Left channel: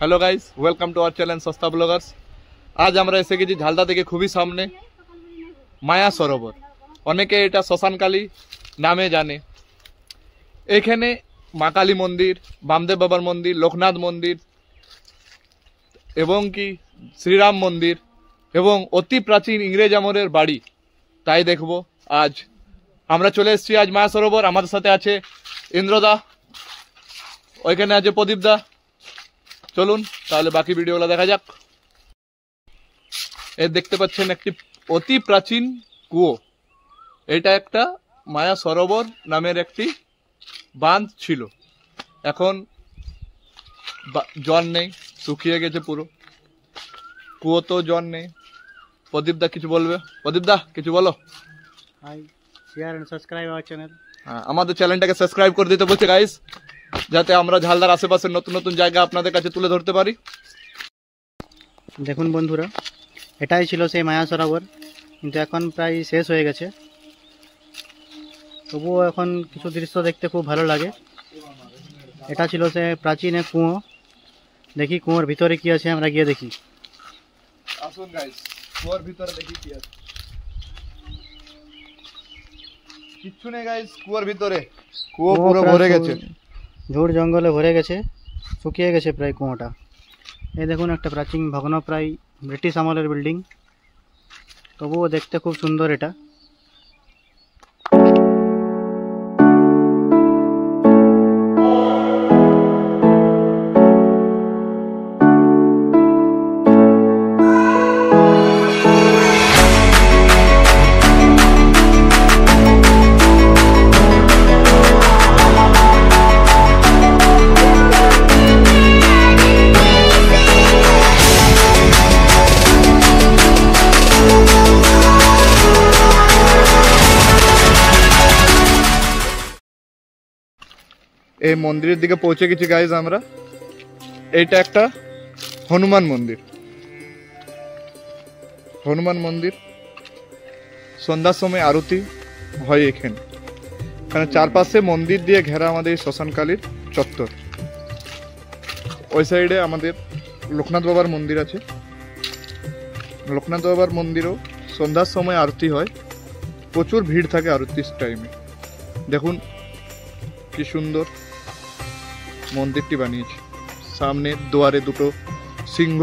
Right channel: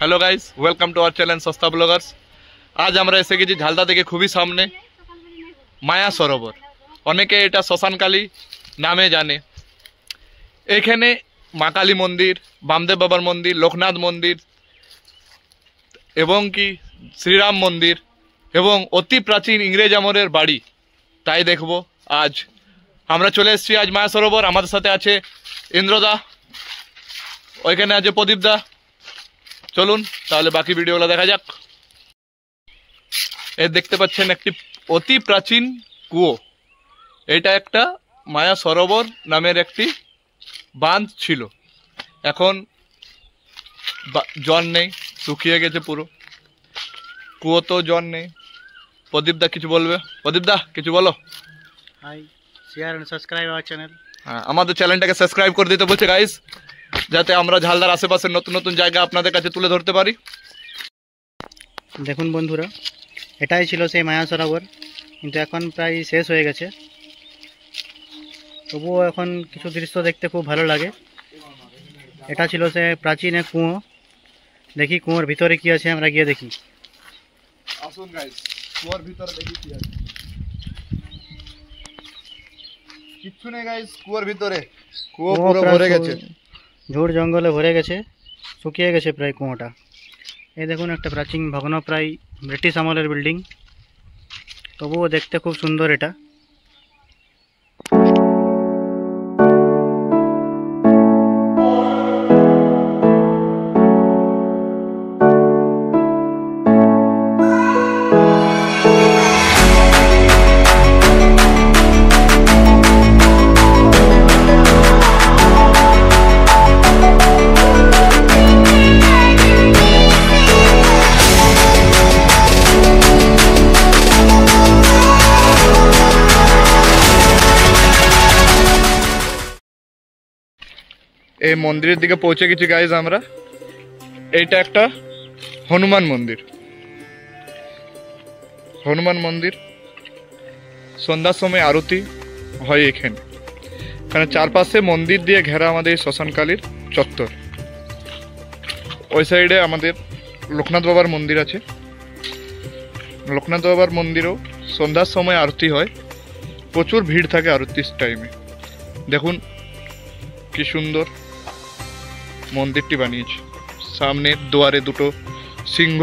Hello guys, welcome to our channel সস্তা ব্লগার্স। আজ আমরা এসে গেছি ঝালদা থেকে খুবই সামনে মায়া সরোবর, অনেকে এটা শ্মশানকালী নামে জানে। এখানে মা কালী মন্দির, বামদেব বাবার মন্দির, লোকনাথ মন্দির এবং কি শ্রীরাম মন্দির এবং অতি প্রাচীন ইংরেজ আমলের বাড়ি, তাই দেখব আজ। আমরা চলে এসেছি আজ মায়া সরোবর। আমাদের সাথে আছে ইন্দ্রদা, ওইখানে আছে প্রদীপদা। চলুন তাহলে বাকি ভিডিওগুলো দেখা যাক। এই দেখতে পাচ্ছেন একটি অতি প্রাচীন কুয়ো। এটা একটা মায়া সরোবর নামের একটি বাঁধ ছিল। এখন জল নেই, শুকিয়ে গেছে পুরো কুয়ো, তো জল নেই। প্রদীপদা কিছু বলবে? প্রদীপদা কিছু বলো। Hi, share and subscribe our channel. হ্যাঁ, আমাদের চ্যানেলটাকে সাবস্ক্রাইব করে দিতে বলছে গাইস, যাতে আমরা ঝালদার আশেপাশের নতুন নতুন জায়গা আপনাদের কাছে তুলে ধরতে পারি। দেখুন বন্ধুরা, এটাই ছিল সেই মায়া সরোবর, কিন্তু এখন প্রায় শেষ হয়ে গেছে। তবুও এখন কিছু দৃশ্য দেখতে খুব ভালো লাগে। এটা ছিল সে প্রাচীন এক কুয়ো। দেখি কুয়োর ভিতরে কি আছে, আমরা গিয়ে দেখি। আসুন গাইস, কুয়োর ভিতরে দেখি কি আছে। কিচ্ছু নেই গাইস কুয়োর ভিতরে, কুয়ো পুরো ভরে গেছে, ঝোড় জঙ্গলে ভরে গেছে, শুকিয়ে গেছে প্রায় কুয়োটা। এই দেখুন একটা প্রাচীন ভগ্ন প্রায় ব্রিটিশ আমলের বিল্ডিং, তবুও দেখতে খুব সুন্দর এটা। এই মন্দিরের দিকে পৌঁছে গেছি গাইজ আমরা। এইটা একটা হনুমান মন্দির। হনুমান মন্দির, সন্ধ্যার সময় আরতি হয় এখানে। এখানে চারপাশে মন্দির দিয়ে ঘেরা আমাদের শ্মশানকালীর চত্বর। ওই সাইডে আমাদের লোকনাথ বাবার মন্দির আছে। লোকনাথ বাবার মন্দিরেও সন্ধ্যার সময় আরতি হয়, প্রচুর ভিড় থাকে আরতির টাইমে। দেখুন কি সুন্দর মন্দিরটি বানিয়েছে। সামনে দুয়ারে দুটো সিংহ।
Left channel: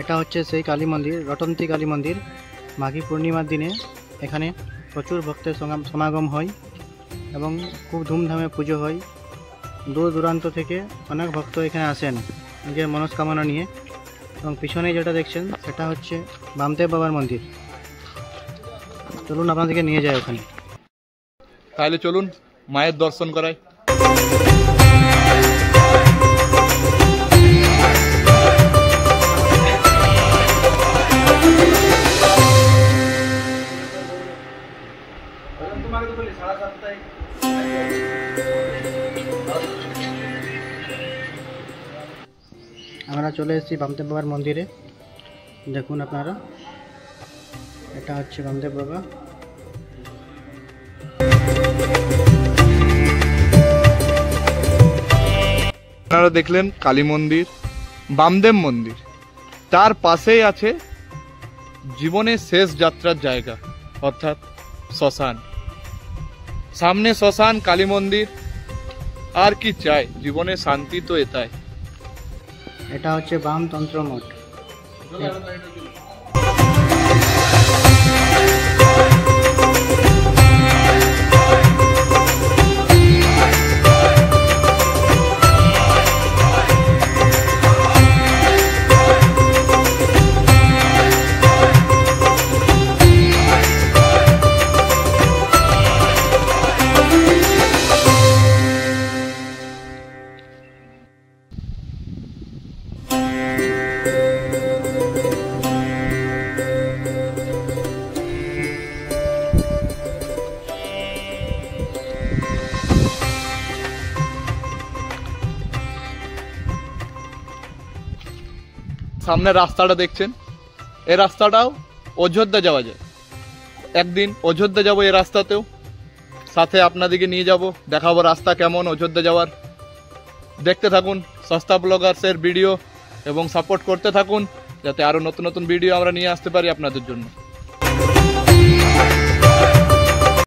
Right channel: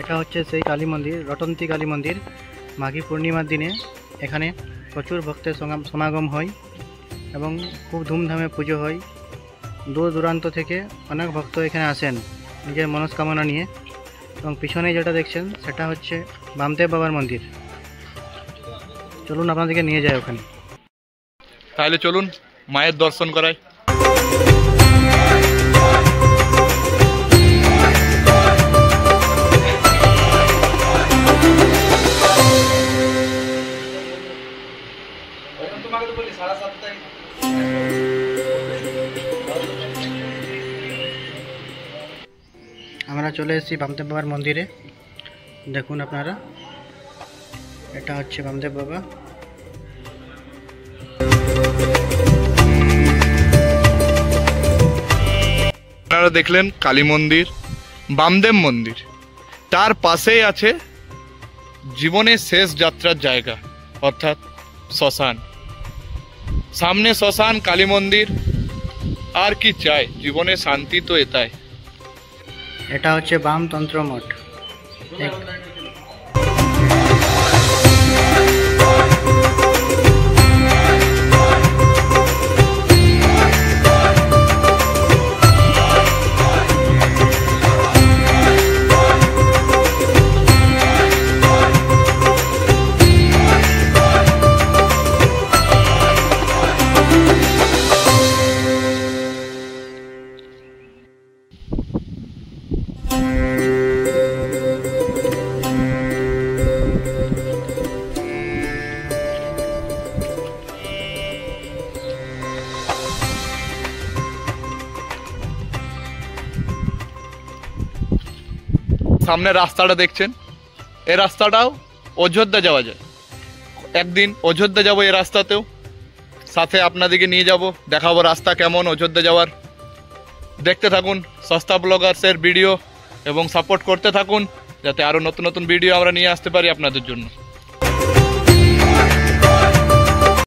এটা হচ্ছে সেই কালী মন্দির, রটন্তী কালী মন্দির। মাঘী পূর্ণিমার দিনে এখানে প্রচুর ভক্তের সমাগম হয় এবং খুব ধুমধামে পুজো হয়। দূর দূরান্ত থেকে অনেক ভক্ত এখানে আসেন নিজের মনস্কামনা নিয়ে। এবং পিছনে যেটা দেখছেন সেটা হচ্ছে বামদেব বাবার মন্দির। চলুন আপনাদেরকে নিয়ে যায় ওখানে। তাহলে চলুন মায়ের দর্শন করাই। আমরা চলে এসেছি বামদেব বাবার মন্দিরে। দেখুন আপনারা, এটা হচ্ছে বামদেব বাবা। আপনারা দেখলেন কালী মন্দির, বামদেব মন্দির, তার পাশেই আছে জীবনের শেষ যাত্রার জায়গা অর্থাৎ শ্মশান। সামনে শ্মশান, কালী মন্দির, আর কি চাই জীবনে? শান্তি তো এটাই। এটা হচ্ছে বামতন্ত্র মঠ। সামনে রাস্তাটা দেখছেন, এই রাস্তাটাও অযোধ্যা যাওয়া যায়। একদিন অযোধ্যা যাব এই রাস্তাতেও, সাথে আপনাদেরকে নিয়ে যাব, দেখাবো রাস্তা কেমন অযোধ্যা যাওয়ার। দেখতে থাকুন সস্তা ব্লগার্সের ভিডিও এবং সাপোর্ট করতে থাকুন, যাতে আরও নতুন নতুন ভিডিও আমরা নিয়ে আসতে পারি আপনাদের জন্য।